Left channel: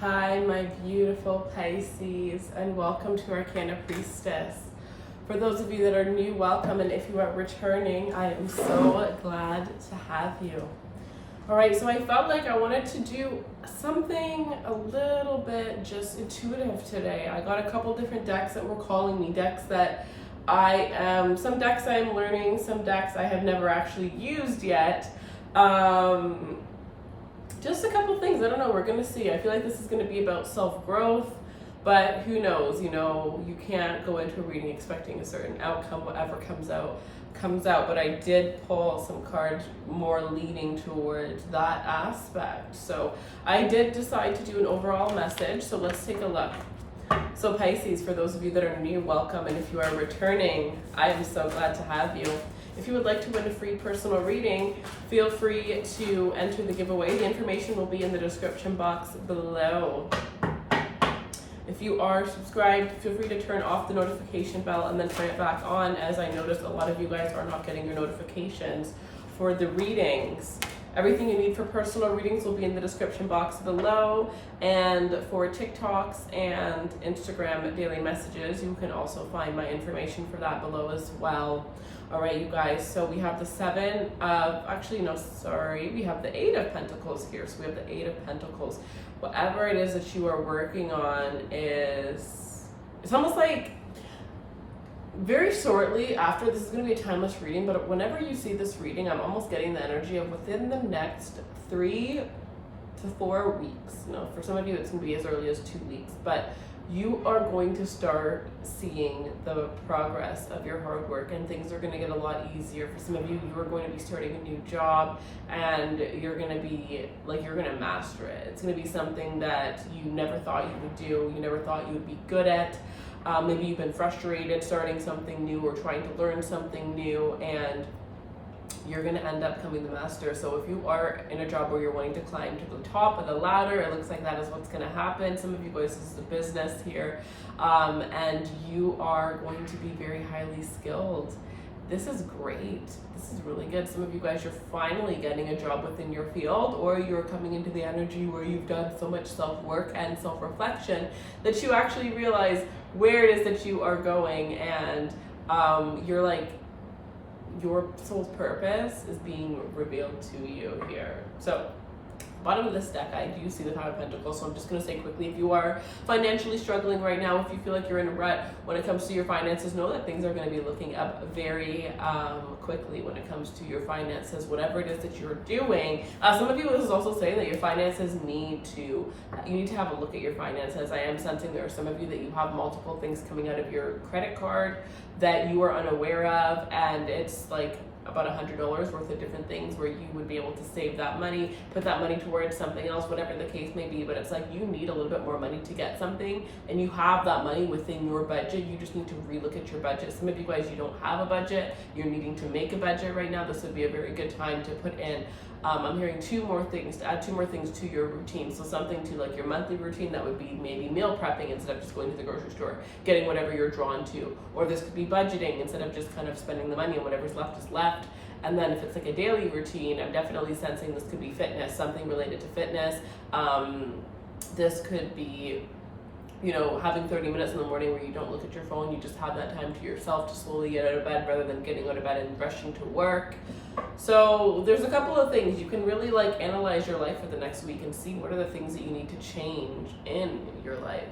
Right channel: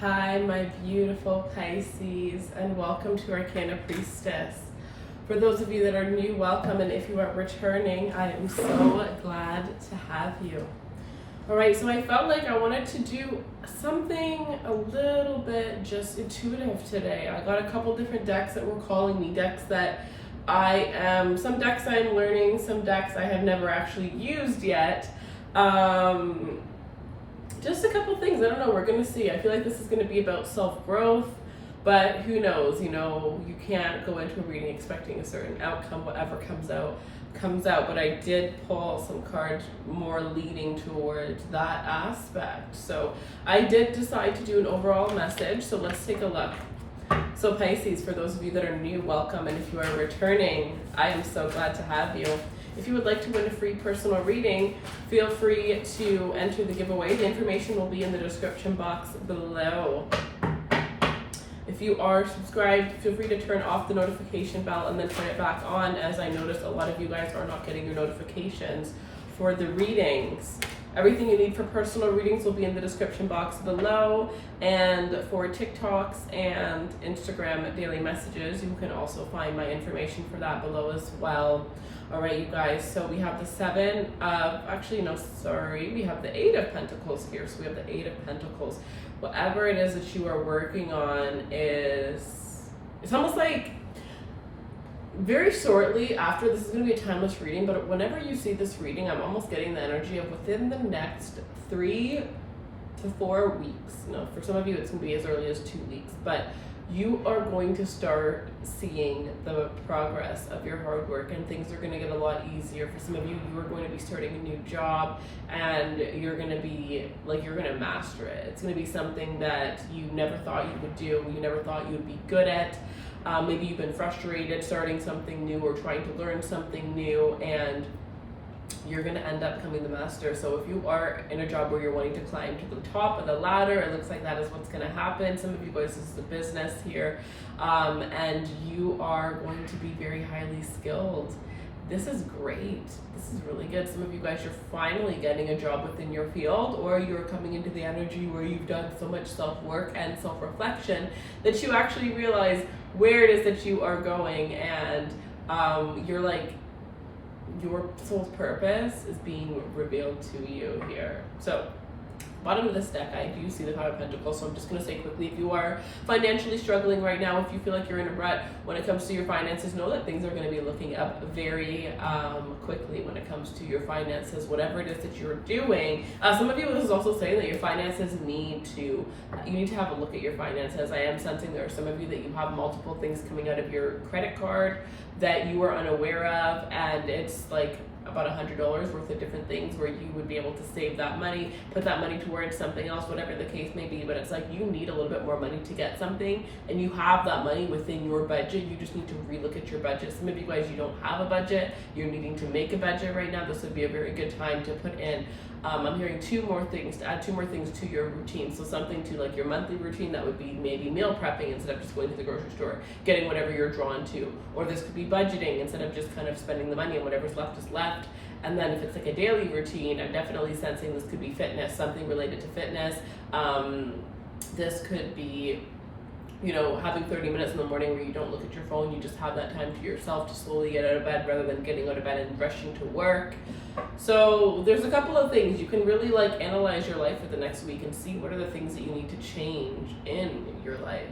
Hi, my beautiful Pisces, and welcome to Arcana Priestess. For those of you that are new, welcome, and if you are returning, I am so glad to have you. All right, so I felt like I wanted to do something a little bit just intuitive today. I got a couple different decks that were calling me, decks that some decks I'm learning, some decks I have never actually used yet. Just a couple things, I don't know, we're gonna see. I feel like this is gonna be about self-growth, but who knows, you can't go into a reading expecting a certain outcome. Whatever comes out, but I did pull some cards more leading towards that aspect. So I did decide to do an overall message, so let's take a look. So Pisces, for those of you that are new, welcome, and if you are returning, I am so glad to have you. If you would like to win a free personal reading, feel free to enter the giveaway. The information will be in the description box below. If you are subscribed, feel free to turn off the notification bell and then turn it back on, as I noticed a lot of you guys are not getting your notifications for the readings. Everything you need for personal readings will be in the description box below, and for TikToks and Instagram daily messages, you can also find my information for that below as well. All right, you guys, so we have the we have the Eight of Pentacles here. So we have the Eight of Pentacles. Whatever it is that you are working on it's almost like very shortly after, this is going to be a timeless reading, but whenever you see this reading, I'm almost getting the energy of within the next 3 to 4 weeks. No, for some of you, it's going to be as early as 2 weeks, but you are going to start seeing the progress of your hard work, and things are going to get a lot easier. For some of you, you are going to be starting a new job, and you're going to be like, you're going to master it. It's going to be something that you never thought you would do, you never thought you would be good at. Maybe you've been frustrated starting something new or trying to learn something new, and you're going to end up becoming the master. So if you are in a job where you're wanting to climb to the top of the ladder, it looks like that is what's going to happen. Some of you guys, this is a business here, and you are going to be very highly skilled. This is great. This is really good. Some of you guys, you're finally getting a job within your field, or you're coming into the energy where you've done so much self-work and self-reflection that you actually realize where it is that you are going, and you're like, your soul's purpose is being revealed to you here. So bottom of this deck, I do see the Five of Pentacles, so I'm just going to say quickly, if you are financially struggling right now, if you feel like you're in a rut when it comes to your finances, know that things are going to be looking up very quickly when it comes to your finances, whatever it is that you're doing. Some of you, this is also saying that your finances you need to have a look at your finances. I am sensing there are some of you that you have multiple things coming out of your credit card that you are unaware of, and it's like about $100 worth of different things where you would be able to save that money, put that money towards something else, whatever the case may be. But it's like you need a little bit more money to get something, and you have that money within your budget. You just need to relook at your budget. Some of you guys, you don't have a budget, you're needing to make a budget right now. This would be a very good time to put in I'm hearing to add two more things to your routine. So something to like your monthly routine, that would be maybe meal prepping instead of just going to the grocery store, getting whatever you're drawn to. Or this could be budgeting instead of just kind of spending the money, and whatever's left is left. And then if it's like a daily routine, I'm definitely sensing this could be fitness, something related to fitness. This could be, having 30 minutes in the morning where you don't look at your phone, you just have that time to yourself to slowly get out of bed rather than getting out of bed and rushing to work. So there's a couple of things. You can really like analyze your life for the next week and see what are the things that you need to change in your life.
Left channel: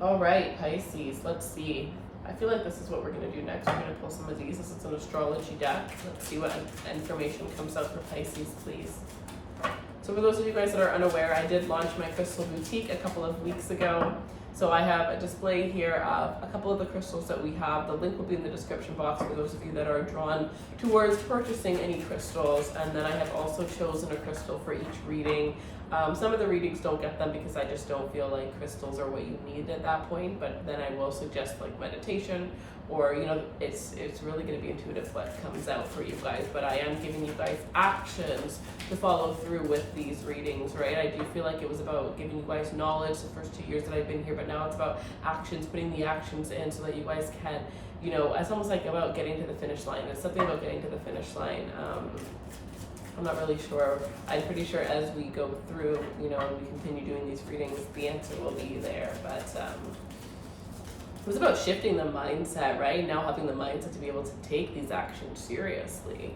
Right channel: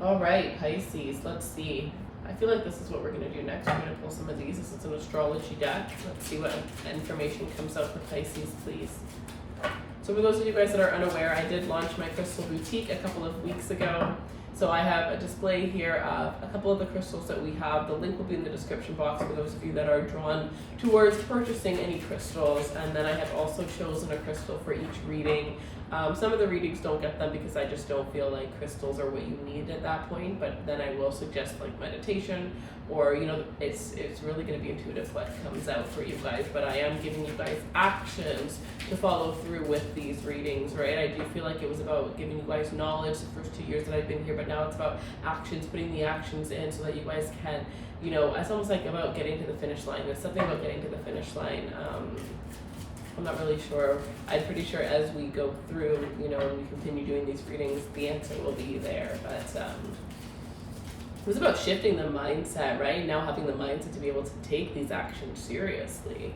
All right, Pisces, let's see. I feel like this is what we're going to do next. We're going to pull some of these. This is an astrology deck. Let's see what information comes out for Pisces, please. So for those of you guys that are unaware, I did launch my crystal boutique a couple of weeks ago. So I have a display here of a couple of the crystals that we have. The link will be in the description box for those of you that are drawn towards purchasing any crystals. And then I have also chosen a crystal for each reading. Some of the readings don't get them because I just don't feel like crystals are what you need at that point. But then I will suggest like meditation, or it's really going to be intuitive what comes out for you guys. But I am giving you guys actions to follow through with these readings, right? I do feel like it was about giving you guys knowledge the first 2 years that I've been here, but now it's about actions, putting the actions in so that you guys can, it's almost like about getting to the finish line. It's something about getting to the finish line. I'm not really sure. I'm pretty sure as we go through, you know, and we continue doing these readings, the answer will be there. But it was about shifting the mindset, right? Now having the mindset to be able to take these actions seriously.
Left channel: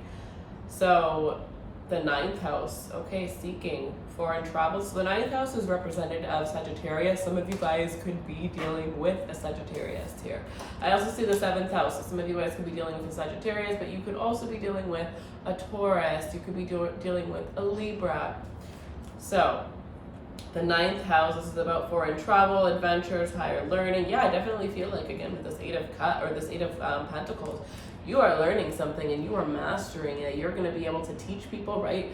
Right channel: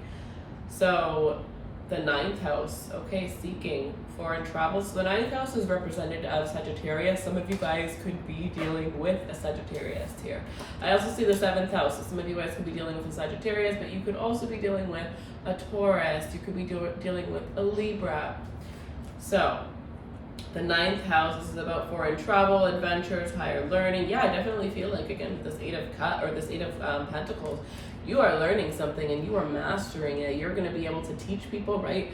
So the 9th house, okay, seeking foreign travel. So the 9th house is represented as Sagittarius. Some of you guys could be dealing with a Sagittarius here. I also see the 7th house. So some of you guys could be dealing with a Sagittarius, but you could also be dealing with a Taurus. You could be dealing with a Libra. So the 9th house, this is about foreign travel, adventures, higher learning. Yeah, I definitely feel like, again, with this 8 of Pentacles, you are learning something and you are mastering it. You're going to be able to teach people, right?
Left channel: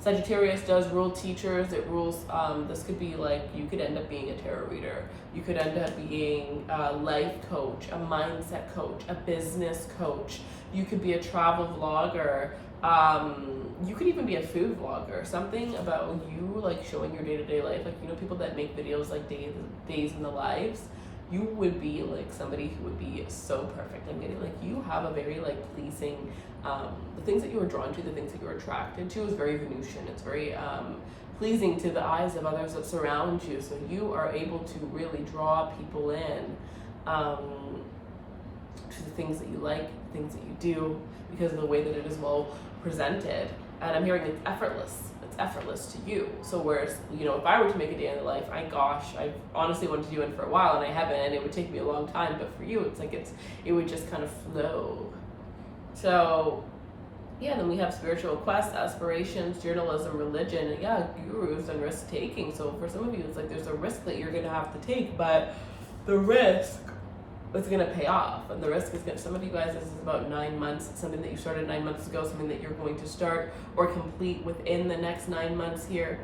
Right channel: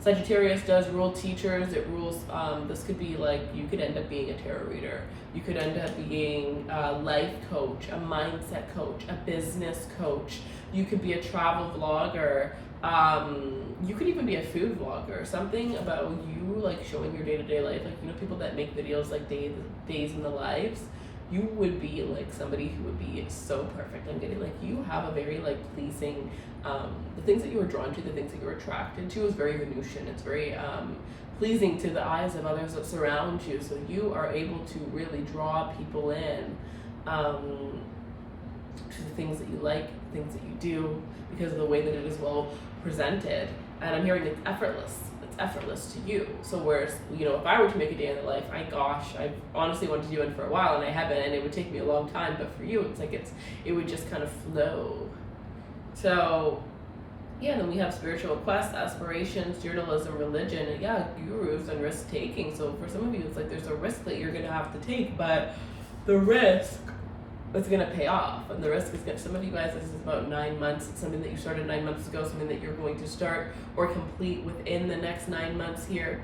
Sagittarius does rule teachers. It rules, this could be like, you could end up being a tarot reader. You could end up being a life coach, a mindset coach, a business coach. You could be a travel vlogger. You could even be a food vlogger. Something about you, like showing your day-to-day life. Like, you know, people that make videos like days in the lives. You would be like somebody who would be so perfect. I'm getting like you have a very like pleasing, the things that you were drawn to, the things that you were attracted to is very Venusian. It's very pleasing to the eyes of others that surround you. So you are able to really draw people in to the things that you like, things that you do, because of the way that it is well presented. And I'm hearing it's effortless. Effortless to you. So whereas, you know, if I were to make a day in the life, I've honestly wanted to do it for a while and I haven't, and it would take me a long time, but for you it's like it would just kind of flow. So yeah, then we have spiritual quests, aspirations, journalism, religion, yeah, gurus, and risk taking. So for some of you it's like there's a risk that you're gonna have to take, but the risk it's going to pay off, and the risk is good. Some of you guys, this is about 9 months. It's something that you started 9 months ago, something that you're going to start or complete within the next 9 months here.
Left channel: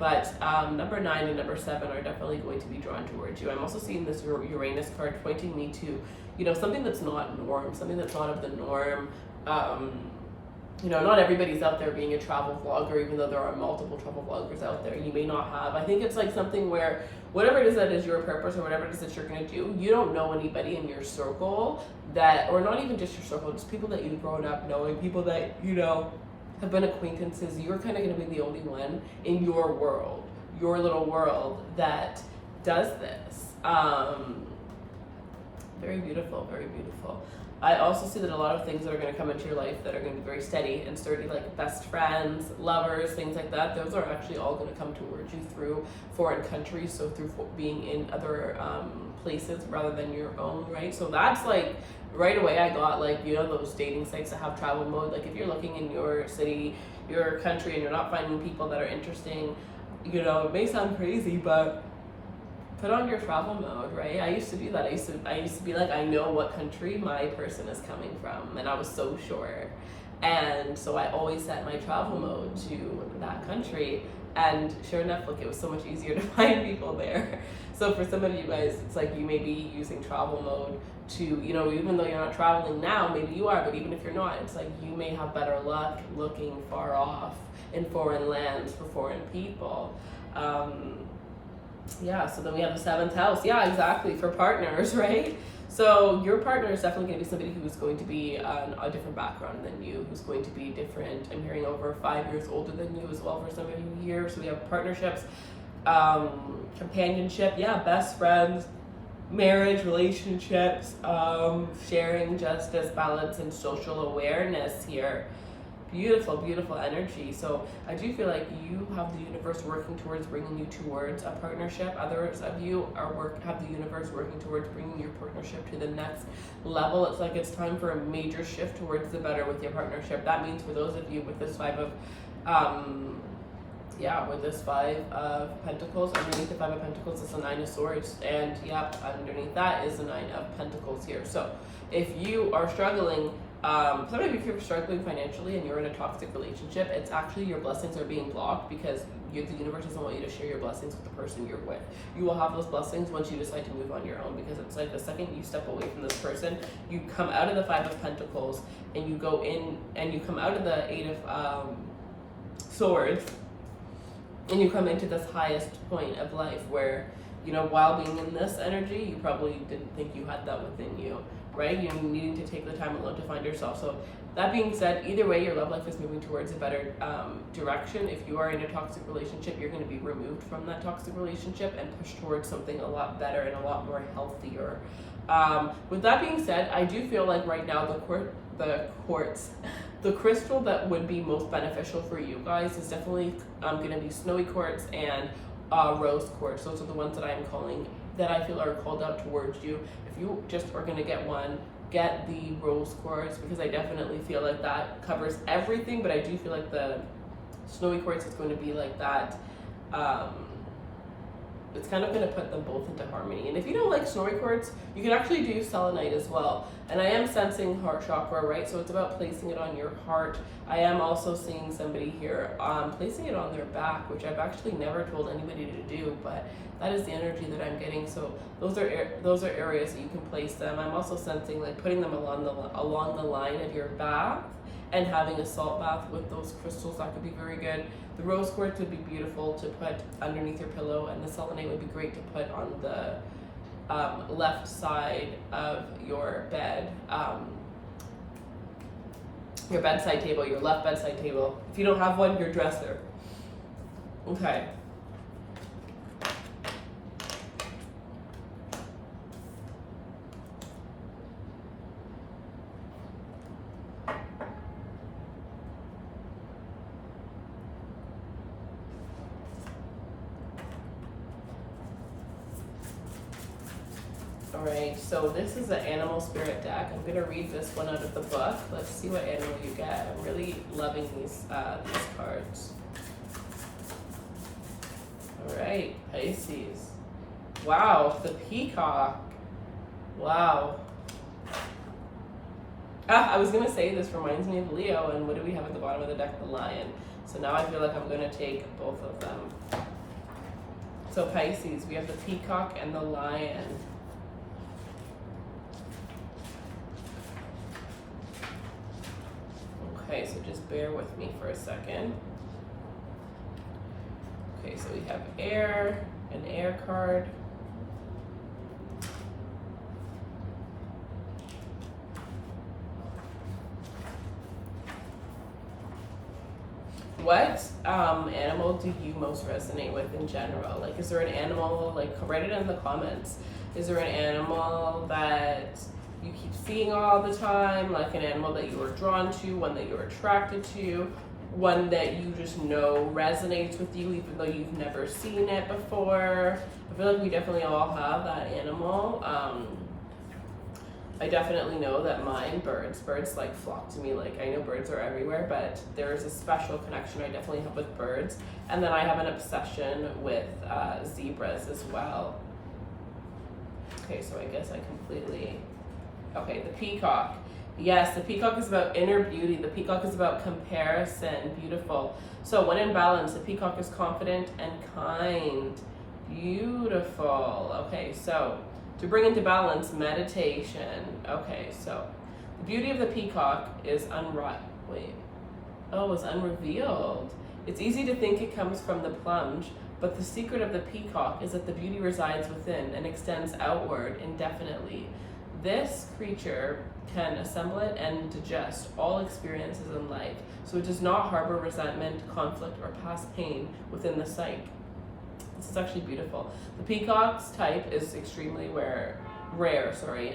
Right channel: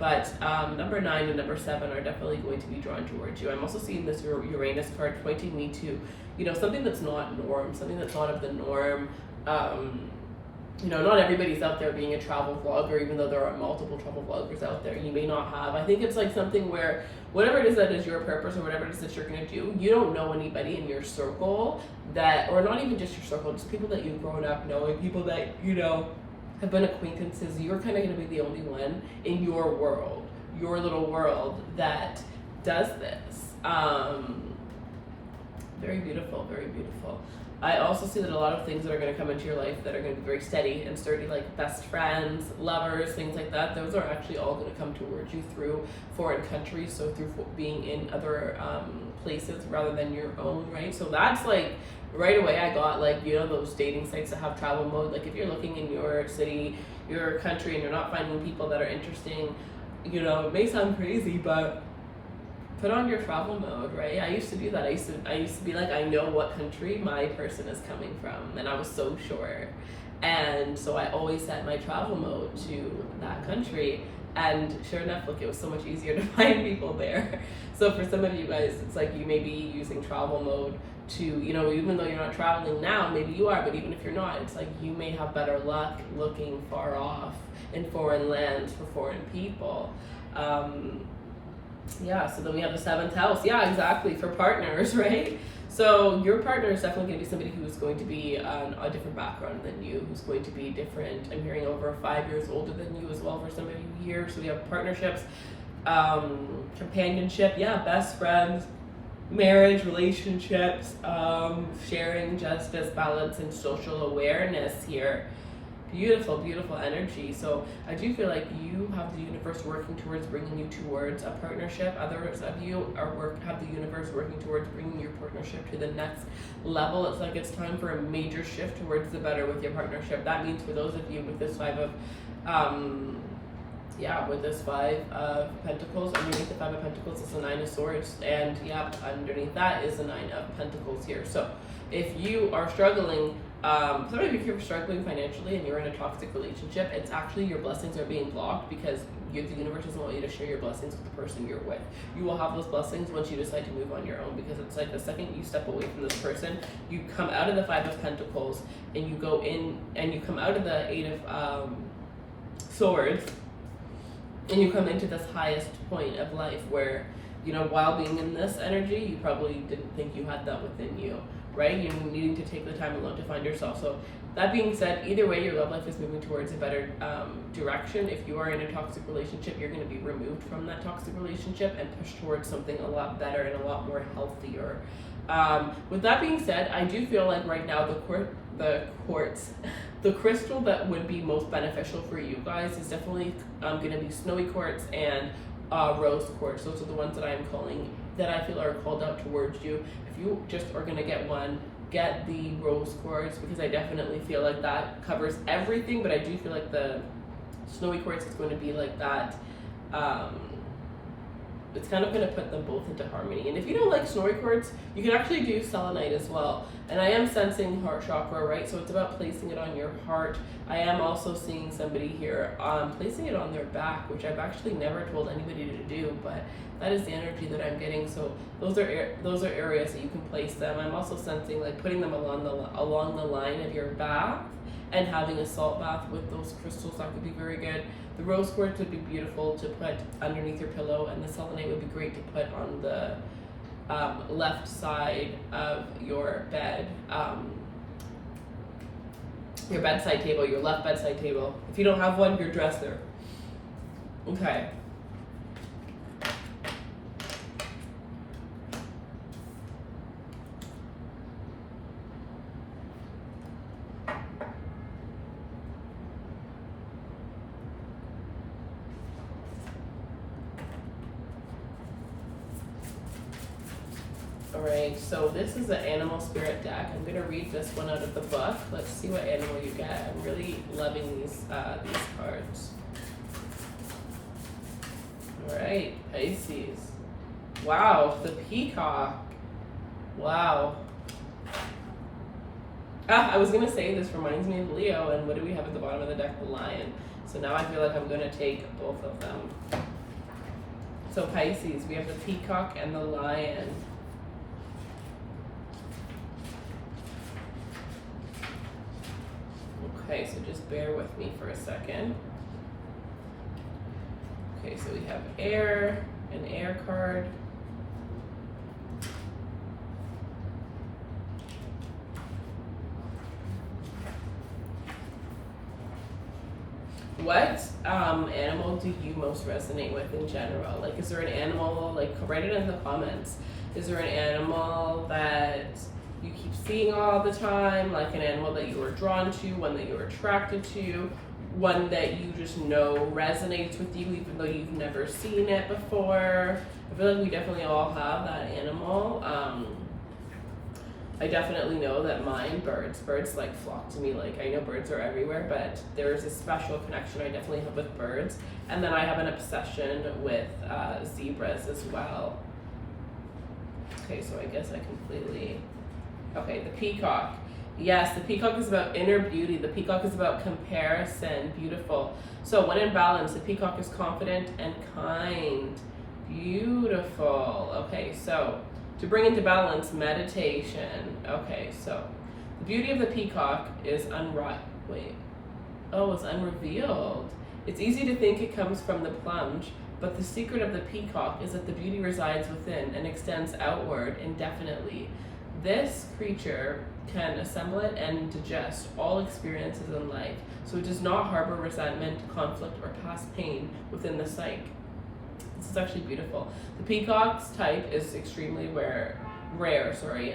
But number 9 and number 7 are definitely going to be drawn towards you. I'm also seeing this Uranus card pointing me to, you know, something that's not norm, something that's not of the norm. You know, not everybody's out there being a travel vlogger, even though there are multiple travel vloggers out there. You may not have. I think it's like something where whatever it is that is your purpose or whatever it is that you're going to do, you don't know anybody in your circle that, or not even just your circle, just people that you've grown up knowing, people that, you know, have been acquaintances. You're kind of going to be the only one in your world, your little world, that does this. Very beautiful, very beautiful. I also see that a lot of things that are going to come into your life that are going to be very steady and sturdy, like best friends, lovers, things like that, those are actually all going to come towards you through foreign countries, so through being in other places rather than your own, right? So that's like, right away I got like, you know, those dating sites that have travel mode. Like if you're looking in your city, your country, and you're not finding people that are interesting, you know, it may sound crazy, but put on your travel mode, right? I used to do that. I used to be like, I know what country my person is coming from, and I was so sure. And so I always set my travel mode to that country, and sure enough, look, it was so much easier to find people there. So for some of you guys, it's like you may be using travel mode to, you know, even though you're not traveling now, maybe you are, but even if you're not, it's like you may have better luck looking far off in foreign lands for foreign people. Yeah, so then we have the 7th house. Yeah, exactly, for partners, right? So your partner is definitely going to be somebody who's going to be on a different background than you, who's going to be different. I'm hearing over 5 years older than you as well for some of you here. So we have partnerships, companionship, yeah, best friends, marriage, relationships, sharing justice, balance, and social awareness here. Beautiful, beautiful energy. So I do feel like you have the universe working towards bringing you towards a partnership. Others of you have the universe working towards bringing your partnership to the next level. It's like it's time for a major shift towards the better with your partnership. That means for those of you with this 5 of with this 5 of Pentacles, underneath the 5 of Pentacles is the 9 of Swords, and underneath that is the 9 of Pentacles here. So if you are struggling, some of you, if you're struggling financially and you're in a toxic relationship, it's actually your blessings are being blocked because the universe doesn't want you to share your blessings with the person you're with. You will have those blessings once you decide to move on your own, because it's like the second you step away from this person, you come out of the 5 of Pentacles and you go in, and you come out of the 8 of Swords, and you come into this highest point of life where, you know, while being in this energy, you probably didn't think you had that within you. right? You're needing to take the time alone to find yourself. So that being said, either way, your love life is moving towards a better direction. If you are in a toxic relationship, you're going to be removed from that toxic relationship and pushed towards something a lot better and a lot more healthier. With that being said, I do feel like right now the crystal that would be most beneficial for you guys is definitely going to be snowy quartz and rose quartz. Those are the ones that I am calling, that I feel are called out towards you. If you just are going to get one, get the rose quartz, because I definitely feel like that covers everything, but I do feel like the snowy quartz is going to be like that. It's kind of going to put them both into harmony. And if you don't like snowy quartz, you can actually do selenite as well. And I am sensing heart chakra, right? So it's about placing it on your heart. I am also seeing somebody here placing it on their back, which I've actually never told anybody to do, but that is the energy that I'm getting. So those are areas that you can place them. I'm also sensing like putting them along the line of your bath and having a salt bath with those crystals. That could be very good. The rose quartz would be beautiful to put underneath your pillow, and the selenite would be great to put on the left side of your bed, your bedside table, your left bedside table. If you don't have one, your dresser. Okay. Alright, so this is an animal spirit deck. I'm going to read this one out of the book. Let's see what animal you get. I'm really loving these cards. Alright, Pisces. Wow, the peacock. Wow. I was going to say this reminds me of Leo, and what do we have at the bottom of the deck? The lion. So now I feel like I'm going to take both of them. So Pisces, we have the peacock and the lion. Okay, so just bear with me for a second. Okay, so we have air, an air card. What animal do you most resonate with in general? Like, is there an animal, like, write it in the comments. Is there an animal that you keep seeing all the time, like an animal that you are drawn to, one that you're attracted to, one that you just know resonates with you even though you've never seen it before? I feel like we definitely all have that animal. I definitely know that mine, birds like flock to me. Like, I know birds are everywhere, but there's a special connection I definitely have with birds. And then I have an obsession with zebras as well. Okay, so I guess I completely... Okay, the peacock. Yes, the peacock is about inner beauty. The peacock is about comparison. Beautiful. So when in balance, the peacock is confident and kind. Beautiful. Okay, so to bring into balance, meditation. Okay, so the beauty of the peacock is unrevealed. It's easy to think it comes from the plunge, but the secret of the peacock is that the beauty resides within and extends outward indefinitely. This creature can assimilate and digest all experiences in life, so it does not harbor resentment, conflict, or past pain within the psyche. This is actually beautiful. The peacock's type is extremely rare.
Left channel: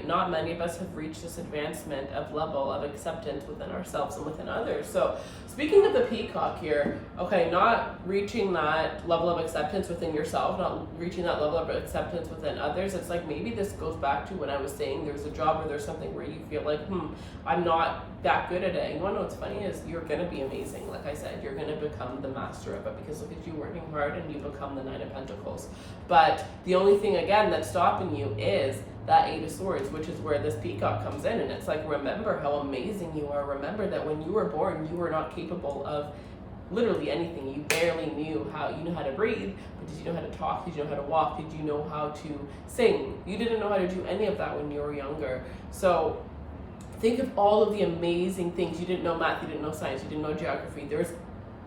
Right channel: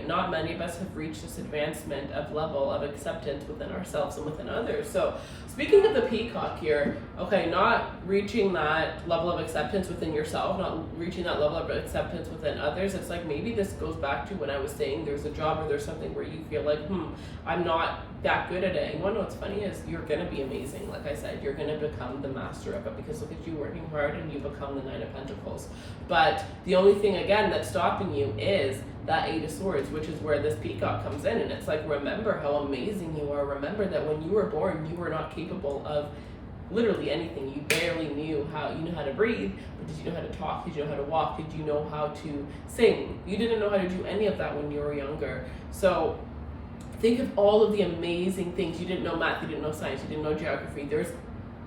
Not many of us have reached this advancement of level of acceptance within ourselves and within others. So speaking of the peacock here, okay, not reaching that level of acceptance within yourself, not reaching that level of acceptance within others, it's like maybe this goes back to when I was saying there's a job or there's something where you feel like, I'm not that good at it. You wanna know what's funny is you're gonna be amazing. Like I said, you're gonna become the master of it, because look at you working hard and you become the Nine of Pentacles. But the only thing, again, that's stopping you is that Eight of Swords, which is where this peacock comes in. And it's like, remember how amazing you are. Remember that when you were born, you were not capable of literally anything. You barely knew how to breathe, but did you know how to talk? Did you know how to walk? Did you know how to sing? You didn't know how to do any of that when you were younger. So think of all of the amazing things. You didn't know math, you didn't know science, you didn't know geography. There's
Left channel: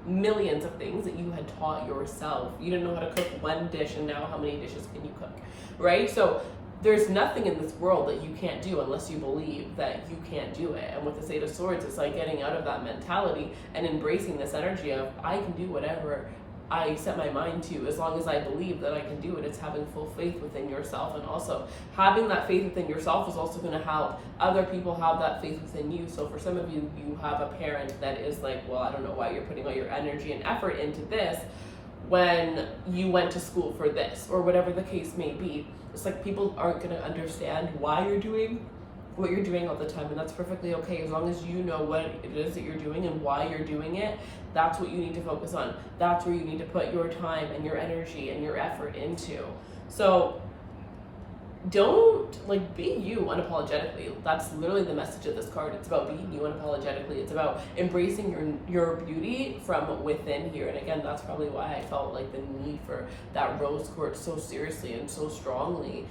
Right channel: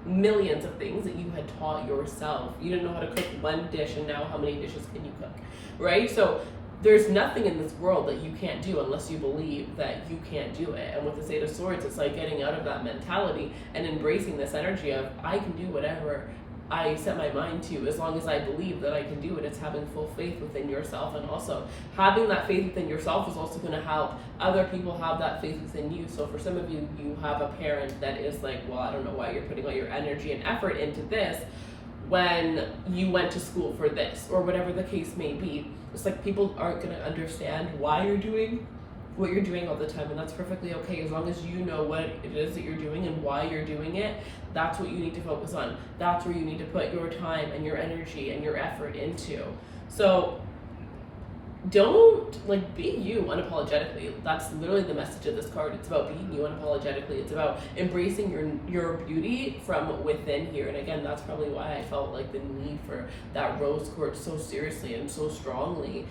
millions of things that you had taught yourself. You didn't know how to cook one dish, and now how many dishes can you cook, right? So there's nothing in this world that you can't do unless you believe that you can't do it. And with this Eight of Swords, it's like getting out of that mentality and embracing this energy of, I can do whatever I set my mind to, as long as I believe that I can do it. It's having full faith within yourself, and also having that faith within yourself is also going to help other people have that faith within you. So for some of you, you have a parent that is like, well, I don't know why you're putting all your energy and effort into this when you went to school for this, or whatever the case may be. It's like people aren't going to understand why you're doing what you're doing all the time, and that's perfectly okay, as long as you know what it is that you're doing and why you're doing it. That's what you need to focus on. That's where you need to put your time and your energy and your effort into. So don't, like, be you unapologetically. That's literally the message of this card. It's about being you unapologetically. It's about embracing your beauty from within here. And again, that's probably why I felt like the need for that rose quartz so seriously and so strongly.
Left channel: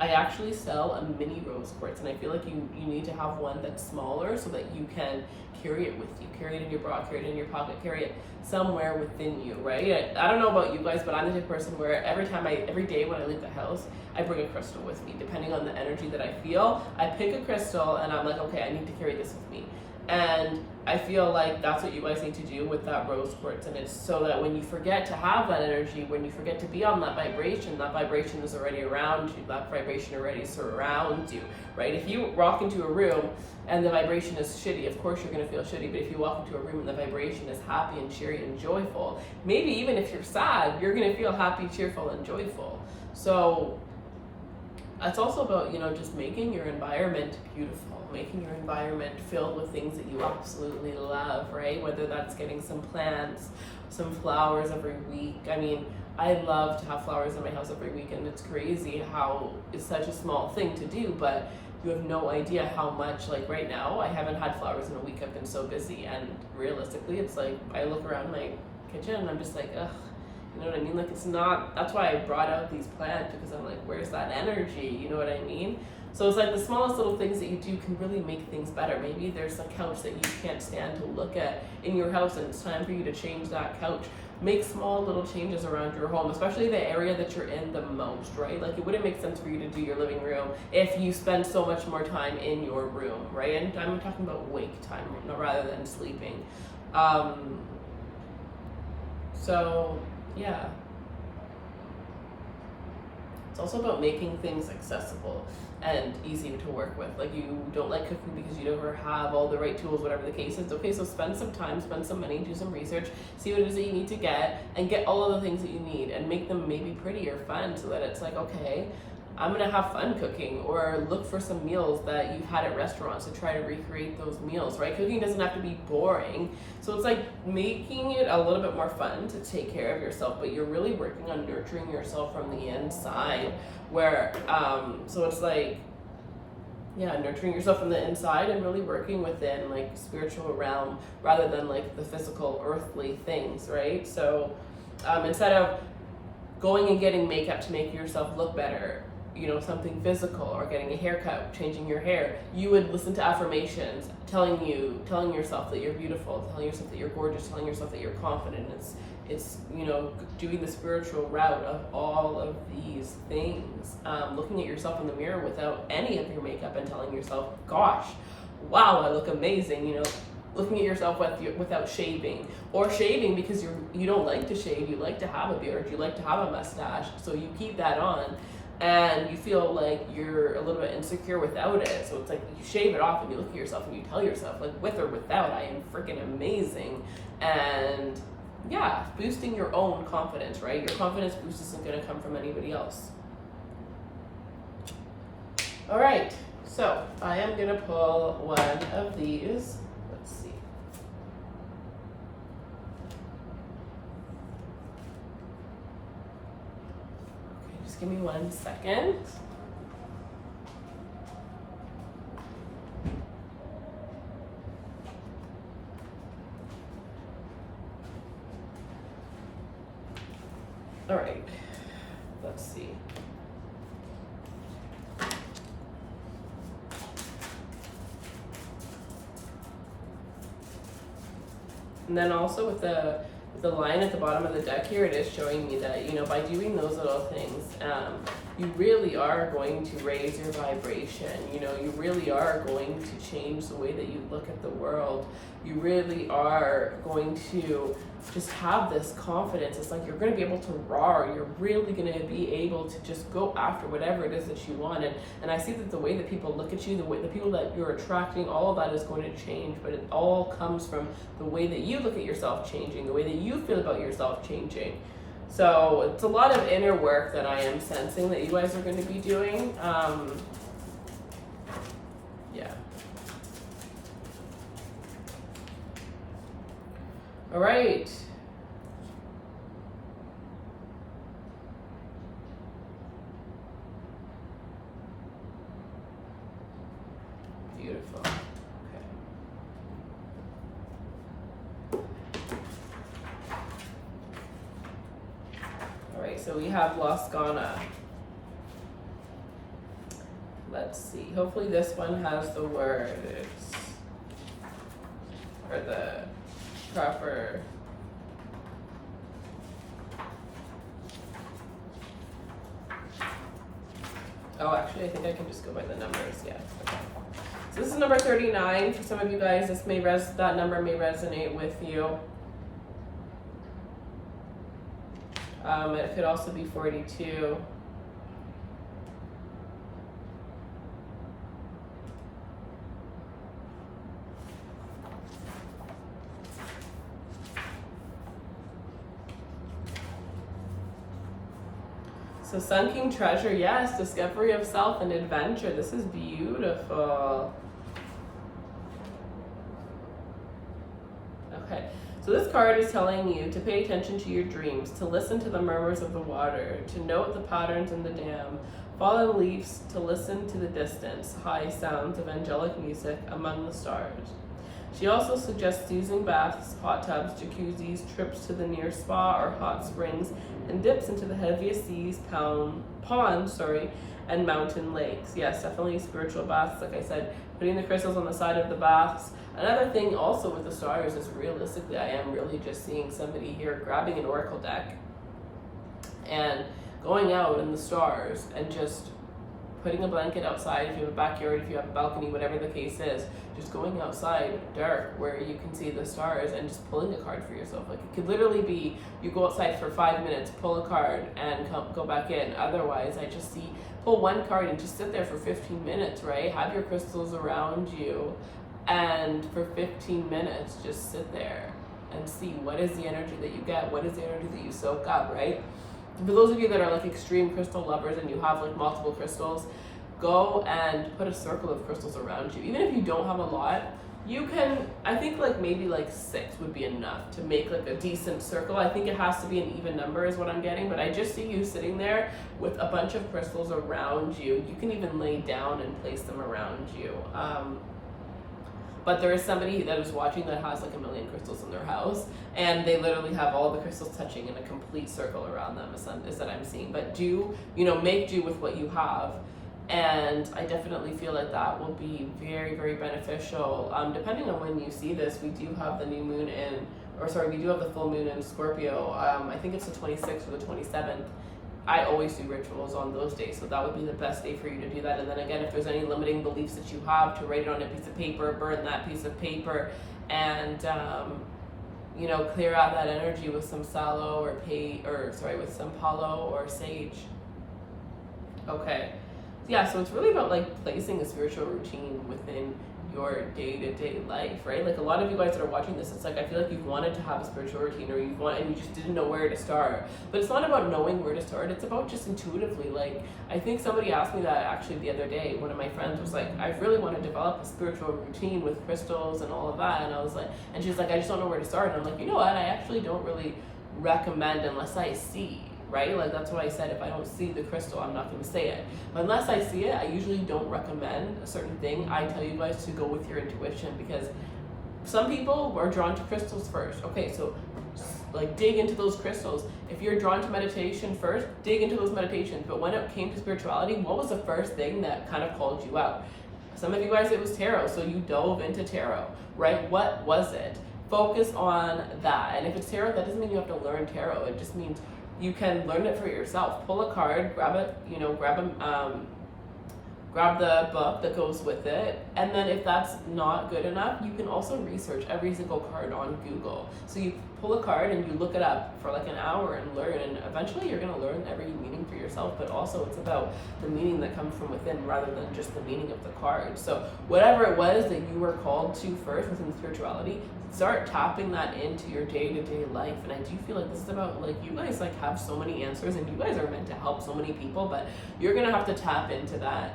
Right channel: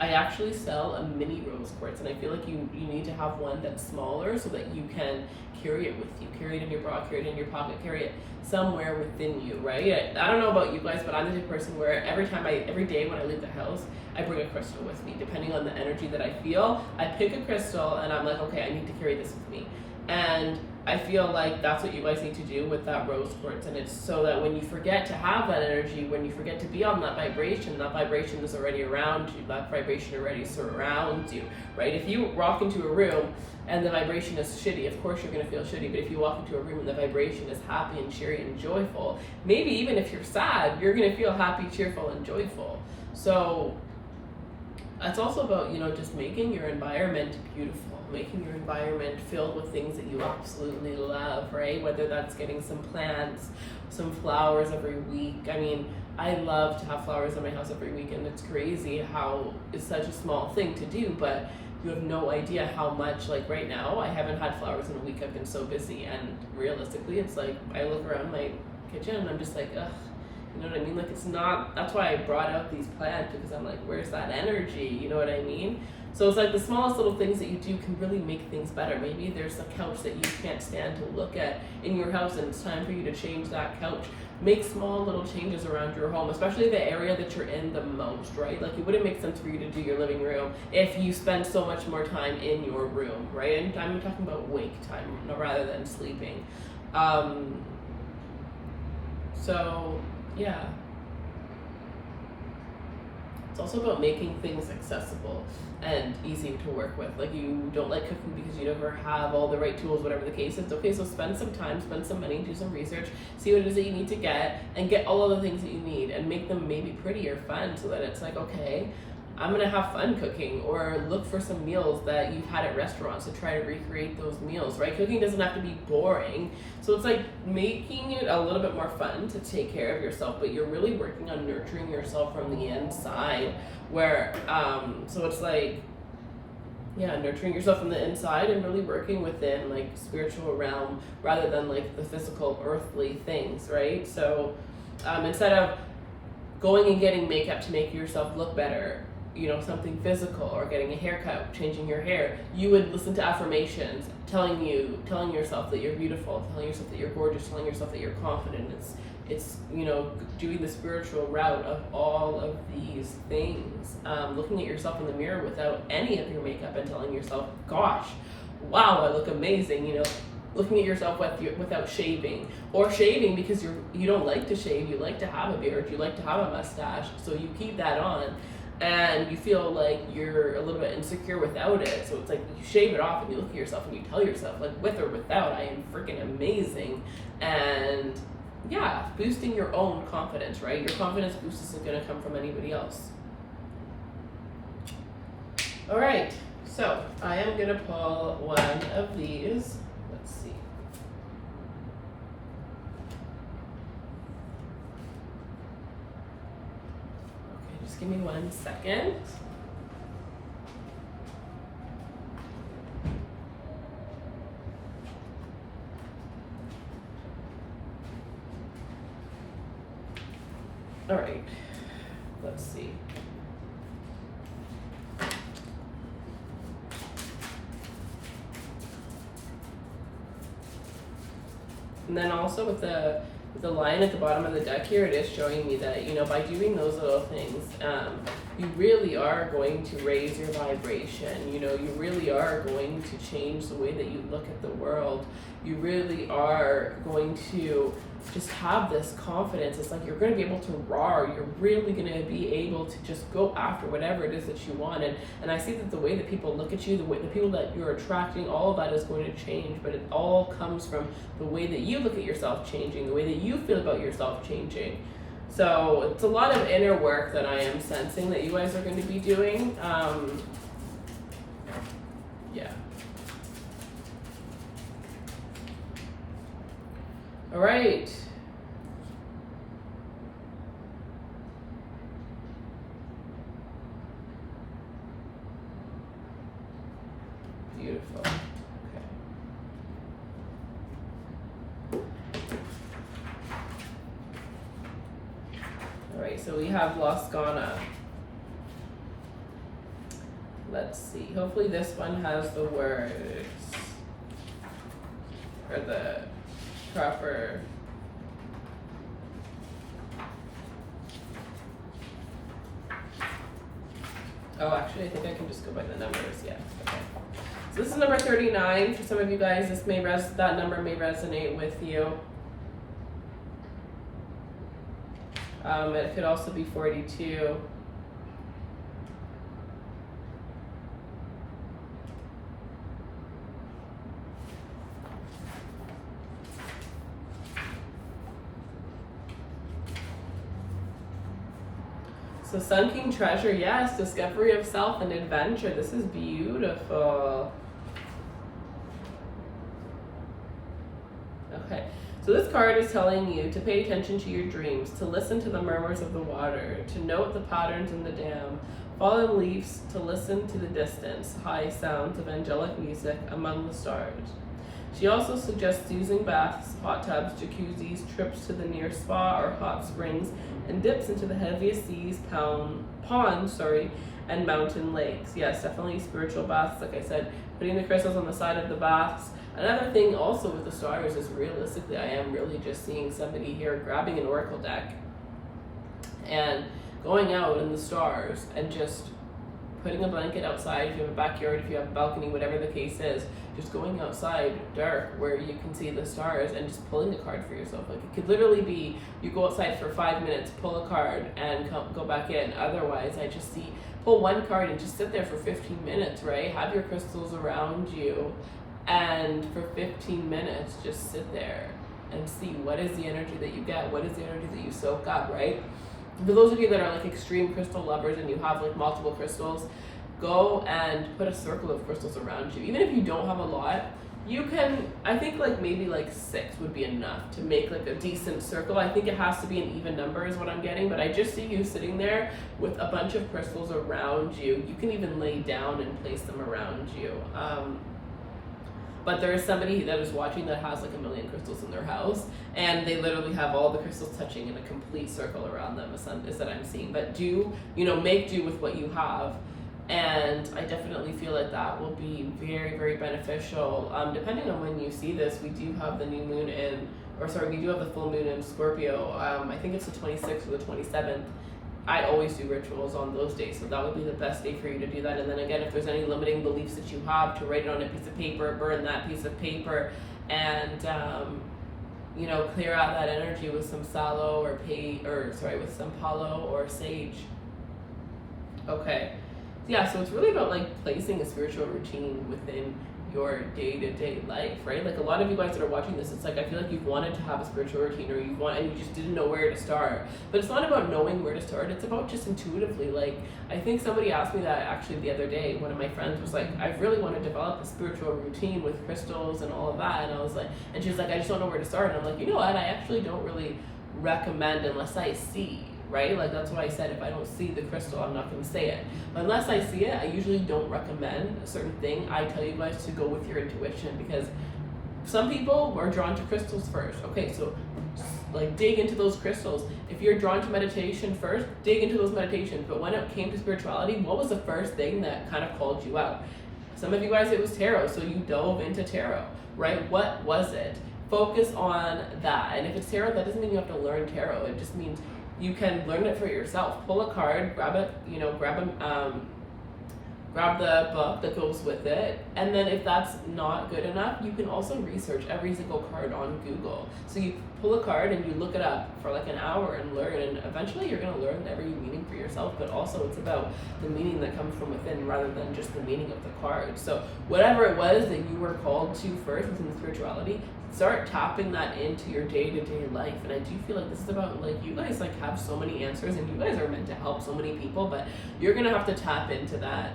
I actually sell a mini rose quartz, and I feel like you need to have one that's smaller so that you can carry it with you, carry it in your bra, carry it in your pocket, carry it somewhere within you, right? I don't know about you guys, but I'm the type of person where every day when I leave the house, I bring a crystal with me. Depending on the energy that I feel, I pick a crystal and I'm like, okay, I need to carry this with me. And I feel like that's what you guys need to do with that rose quartz. And it's so that when you forget to have that energy, when you forget to be on that vibration is already around you. That vibration already surrounds you, right? If you walk into a room and the vibration is shitty, of course you're going to feel shitty. But if you walk into a room and the vibration is happy and cheery and joyful, maybe even if you're sad, you're going to feel happy, cheerful, and joyful. So it's also about, just making your environment beautiful, making your environment filled with things that you absolutely love, right? Whether that's getting some plants, some flowers every week. I mean, I love to have flowers in my house every week, and it's crazy how it's such a small thing to do, but you have no idea how much, like right now, I haven't had flowers in a week. I've been so busy, and realistically, it's like I look around my kitchen and I'm just like, ugh. You know what I mean? Like, it's not, that's why I brought out these plants, because I'm like, where's that energy? You know what I mean? So it's like the smallest little things that you do can really make things better. Maybe there's a couch that you can't stand to look at in your house, and it's time for you to change that couch. Make small little changes around your home, especially the area that you're in the most, right? Like, it wouldn't make sense for you to do your living room if you spend so much more time in your room, right? And I'm talking about wake time rather than sleeping. So yeah, it's also about making things accessible and easy to work with. Like, you don't like cooking because you never have all the right tools, whatever the case is. Okay, so spend some time, spend some money, do some research, see what it is that you need to get, and get all of the things that you need, and make them maybe pretty or fun, so that it's like, okay, I'm gonna have fun cooking, or look for some meals that you've had at restaurants to try to recreate those meals, right? Cooking doesn't have to be boring. So it's like making it a little bit more fun to take care of yourself, but you're really working on nurturing yourself from the inside, where, so it's like, yeah, nurturing yourself from the inside and really working within like spiritual realm rather than like the physical earthly things, right? So instead of going and getting makeup to make yourself look better, something physical, or getting a haircut, changing your hair, you would listen to affirmations telling yourself that you're beautiful, telling yourself that you're gorgeous, telling yourself that you're confident. It's doing the spiritual route of all of these things, looking at yourself in the mirror without any of your makeup and telling yourself, gosh, wow, I look amazing, looking at yourself without shaving, or shaving because you don't like to shave, you like to have a beard, you like to have a mustache, so you keep that on, and you feel like you're a little bit insecure without it. So it's like you shave it off and you look at yourself and you tell yourself, like, with or without, I am freaking amazing. And yeah, boosting your own confidence, right? Your confidence boost isn't going to come from anybody else. All right, so I am going to pull one of these. Let's see. Just give me 1 second. All right, let's see. And then also with the the line at the bottom of the deck here, it is showing me that, you know, by doing those little things, you really are going to raise your vibration. You know, you really are going to change the way that you look at the world. You really are going to just have this confidence. It's like you're going to be able to roar. You're really going to be able to just go after whatever it is that you want. And I see that the way that people look at you, the people that you're attracting, all of that is going to change. But it all comes from the way that you look at yourself changing, the way that you feel about yourself changing. So it's a lot of inner work that I am sensing that you guys are going to be doing. Yeah. All right. Beautiful. Okay. All right, so we have Las Ghana. Let's see. Hopefully this one has the words or the proper. Oh, actually, I think I can just go by the numbers. Yeah. Okay. So this is number 39 for some of you guys. This may that number may resonate with you. It could also be 42. So Sun King Treasure, yes, discovery of self and adventure. This is beautiful. Okay, so this card is telling you to pay attention to your dreams, to listen to the murmurs of the water, to note the patterns in the dam, fallen leaves, to listen to the distance, high sounds of angelic music among the stars. She also suggests using baths, hot tubs, jacuzzis, trips to the near spa or hot springs, and dips into the heaviest seas, ponds, and mountain lakes. Yes, definitely spiritual baths, like I said, putting the crystals on the side of the baths. Another thing also with the stars is realistically, I am really just seeing somebody here grabbing an oracle deck and going out in the stars and just putting a blanket outside if you have a backyard, if you have a balcony, whatever the case is, just going outside dark where you can see the stars and just pulling a card for yourself. Like it could literally be you go outside for 5 minutes, pull a card and go back in. Otherwise, I just see pull one card and just sit there for 15 minutes, right? Have your crystals around you and for 15 minutes just sit there and see what is the energy that you get, what is the energy that you soak up, right? For those of you that are like extreme crystal lovers and you have like multiple crystals, go and put a circle of crystals around you. Even if you don't have a lot, you can, I think like maybe like 6 would be enough to make like a decent circle. I think it has to be an even number is what I'm getting, but I just see you sitting there with a bunch of crystals around you. You can even lay down and place them around you. But there is somebody that is watching that has like 1 million crystals in their house, and they literally have all the crystals touching in a complete circle around them, is that I'm seeing. But make do with what you have. And I definitely feel like that will be very, very beneficial. Depending on when you see this, we do have the new moon we do have the full moon in Scorpio. I think it's the 26th or the 27th. I always do rituals on those days, so that would be the best day for you to do that. And then again, if there's any limiting beliefs that you have, to write it on a piece of paper, burn that piece of paper, and clear out that energy with some sallow with some palo or sage. Okay. Yeah, so it's really about like placing a spiritual routine within your day-to-day life, right? Like a lot of you guys that are watching this, it's like I feel like you've wanted to have a spiritual routine and you just didn't know where to start. But it's not about knowing where to start, it's about just intuitively. Like I think somebody asked me that actually the other day. One of my friends was like, I really want to develop a spiritual routine with crystals and all of that, and I was like, and she's like, I just don't know where to start. And I'm like, you know what, I actually don't really recommend unless I see, right? Like that's what I said. If I don't see the crystal, I'm not going to say it. But unless I see it, I usually don't recommend a certain thing. I tell you guys to go with your intuition, because some people are drawn to crystals first. Okay, so like dig into those crystals. If you're drawn to meditation first, dig into those meditations. But when it came to spirituality, what was the first thing that kind of called you out? Some of you guys, it was tarot, so you dove into tarot, right? What was it? focus on that. And if it's tarot, that doesn't mean you have to learn tarot. It just means you can learn it for yourself. Pull a card, grab it, grab the book that goes with it, and then if that's not good enough, you can also research every single card on Google. So you pull a card and you look it up for like an hour and learn, and eventually you're going to learn every meaning for yourself, but also it's about the meaning that comes from within rather than just the meaning of the card. So whatever it was that you were called to first within spirituality, start tapping that into your day-to-day life. And I do feel like this is about, like, you guys like have so many answers and you guys are meant to help so many people, but you're going to have to tap into that.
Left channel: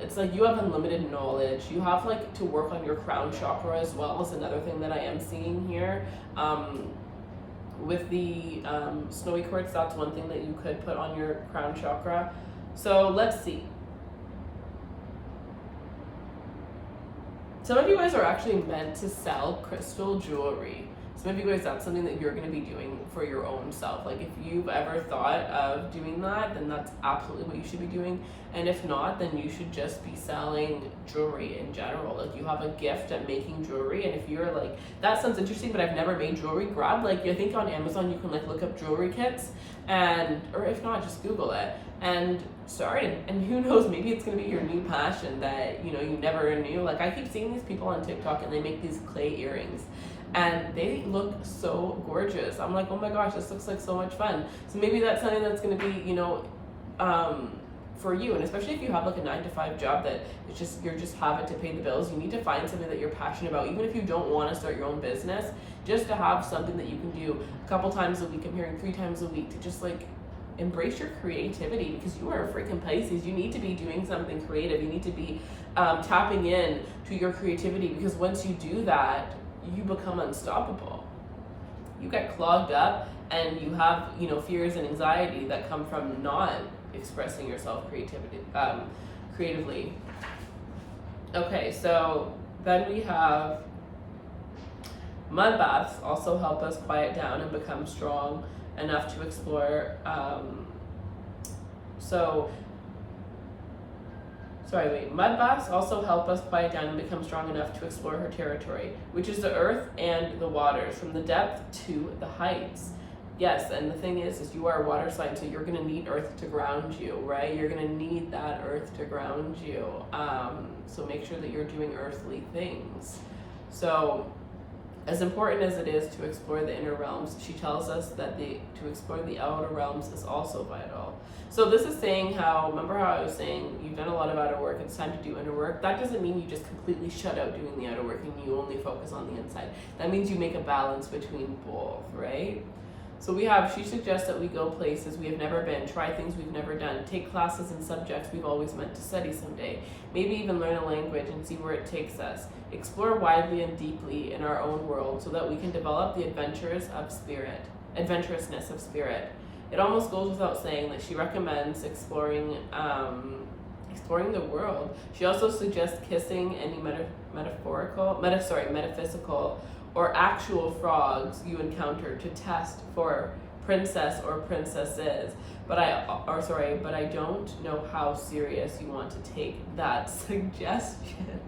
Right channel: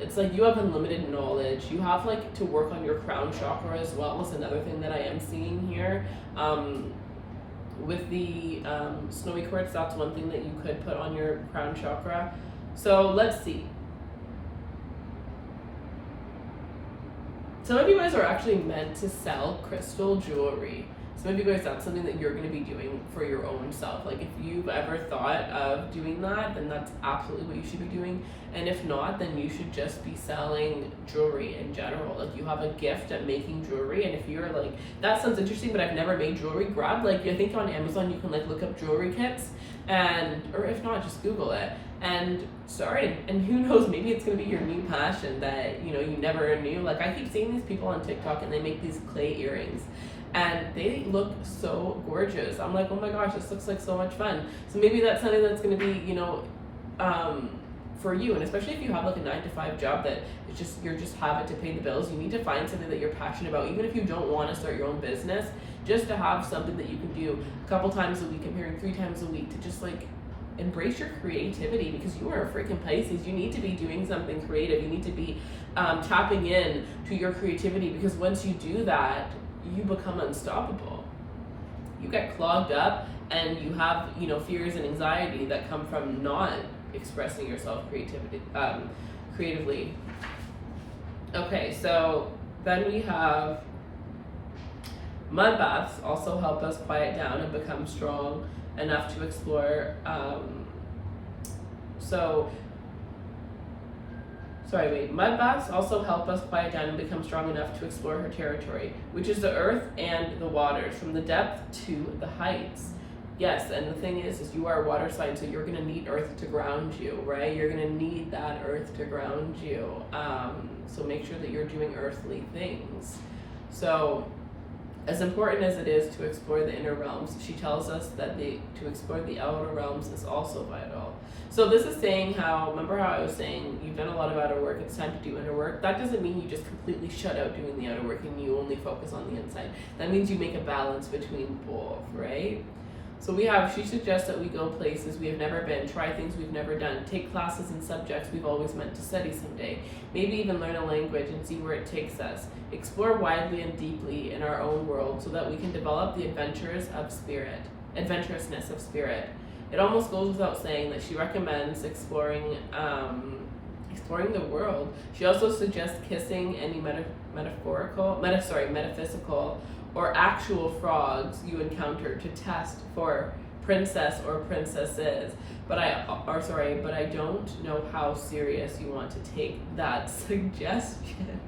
It's like you have unlimited knowledge. You have like to work on your crown chakra as well. Is another thing that I am seeing here. With the snowy quartz, that's one thing that you could put on your crown chakra. So let's see. Some of you guys are actually meant to sell crystal jewelry. Some of you guys, that's something that you're going to be doing for your own self. Like if you've ever thought of doing that, then that's absolutely what you should be doing. And if not, then you should just be selling jewelry in general. Like you have a gift at making jewelry, and if you're like, that sounds interesting, but I've never made jewelry, grab like, I think on Amazon you can like look up jewelry kits, and or if not, just Google it and start. And who knows, maybe it's going to be your new passion that you never knew. Like I keep seeing these people on TikTok and they make these clay earrings and they look so gorgeous. I'm like, oh my gosh, this looks like so much fun. So maybe that's something that's going to be for you. And especially if you have like a 9-to-5 job that it's just you're just have it to pay the bills, you need to find something that you're passionate about. Even if you don't want to start your own business, just to have something that you can do a couple times a week. I'm hearing 3 times a week, to just like embrace your creativity, because you are a freaking Pisces. You need to be doing something creative. You need to be tapping in to your creativity, because once you do that, you become unstoppable. You get clogged up and you have fears and anxiety that come from not expressing yourself creatively. Okay, so then we have mud baths also help us quiet down and become strong enough to explore. Mud baths also help us quiet down and become strong enough to explore her territory, which is the earth and the waters, from the depth to the heights. Yes, and the thing is you are a water sign, so you're going to need earth to ground you, right? You're going to need that earth to ground you. So make sure that you're doing earthly things. So as important as it is to explore the inner realms, she tells us that to explore the outer realms is also vital. So this is saying remember how I was saying you've done a lot of outer work, it's time to do inner work. That doesn't mean you just completely shut out doing the outer work and you only focus on the inside. That means you make a balance between both, right? So she suggests that we go places we have never been, try things we've never done, take classes in subjects we've always meant to study someday, maybe even learn a language and see where it takes us, explore widely and deeply in our own world so that we can develop the adventurousness of spirit. It almost goes without saying that she recommends exploring the world. She also suggests kissing any metaphysical or actual frogs you encounter to test for princess or princesses. But I don't know how serious you want to take that suggestion.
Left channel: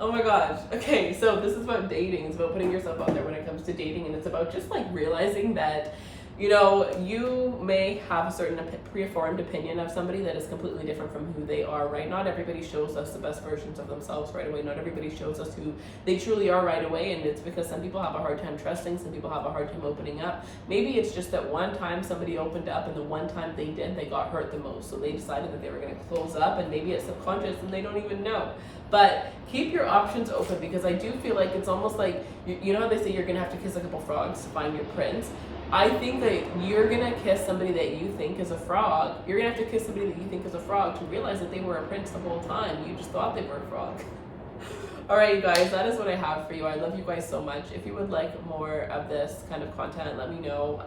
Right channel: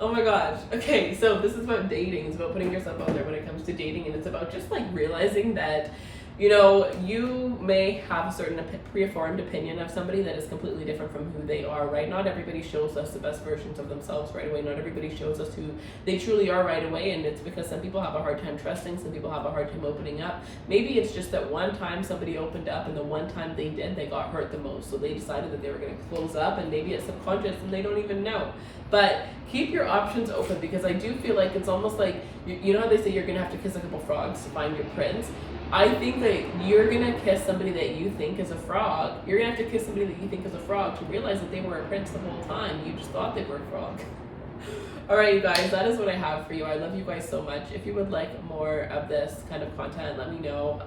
Oh my gosh. Okay, so this is about dating. It's about putting yourself out there when it comes to dating, and it's about just like realizing that you may have a certain preformed opinion of somebody that is completely different from who they are, right? Not everybody shows us the best versions of themselves right away. Not everybody shows us who they truly are right away, and it's because some people have a hard time trusting, some people have a hard time opening up. Maybe it's just that one time somebody opened up, and the one time they did, they got hurt the most, so they decided that they were going to close up, and maybe it's subconscious and they don't even know. But keep your options open, because I do feel like it's almost like, you know how they say you're going to have to kiss a couple frogs to find your prince? I think that you're going to kiss somebody that you think is a frog. You're going to have to kiss somebody that you think is a frog to realize that they were a prince the whole time. You just thought they were a frog. All right, you guys, that is what I have for you. I love you guys so much. If you would like more of this kind of content, let me know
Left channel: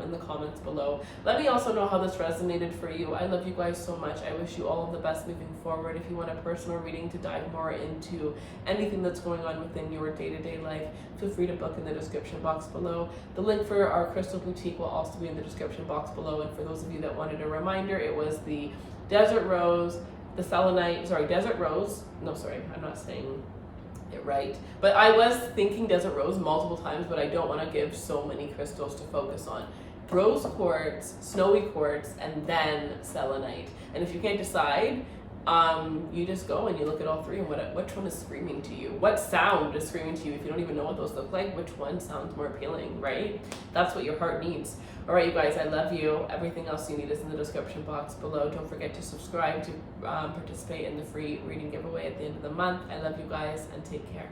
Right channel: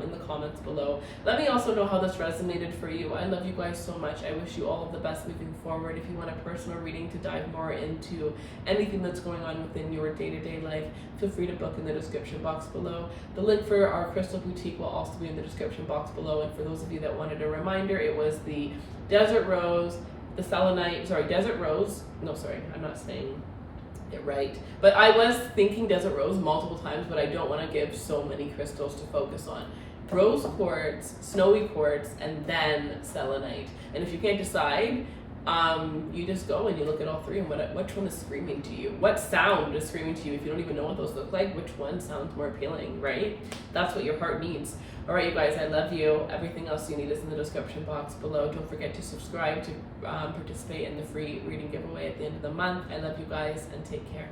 in the comments below. Let me also know how this resonated for you. I love you guys so much. I wish you all of the best moving forward. If you want a personal reading to dive more into anything that's going on within your day-to-day life, feel free to book in the description box below. The link for our crystal boutique will also be in the description box below. And for those of you that wanted a reminder, it was the desert rose, the selenite, desert rose. No, sorry, I'm not saying right? But I was thinking desert rose multiple times, but I don't want to give so many crystals to focus on. Rose quartz, snowy quartz, and then selenite. And if you can't decide, you just go and you look at all three and which one is screaming to you. What sound is screaming to you? If you don't even know what those look like, which one sounds more appealing, right? That's what your heart needs. All right, you guys, I love you. Everything else you need is in the description box below. Don't forget to subscribe to participate in the free reading giveaway at the end of the month. I love you guys, and take care.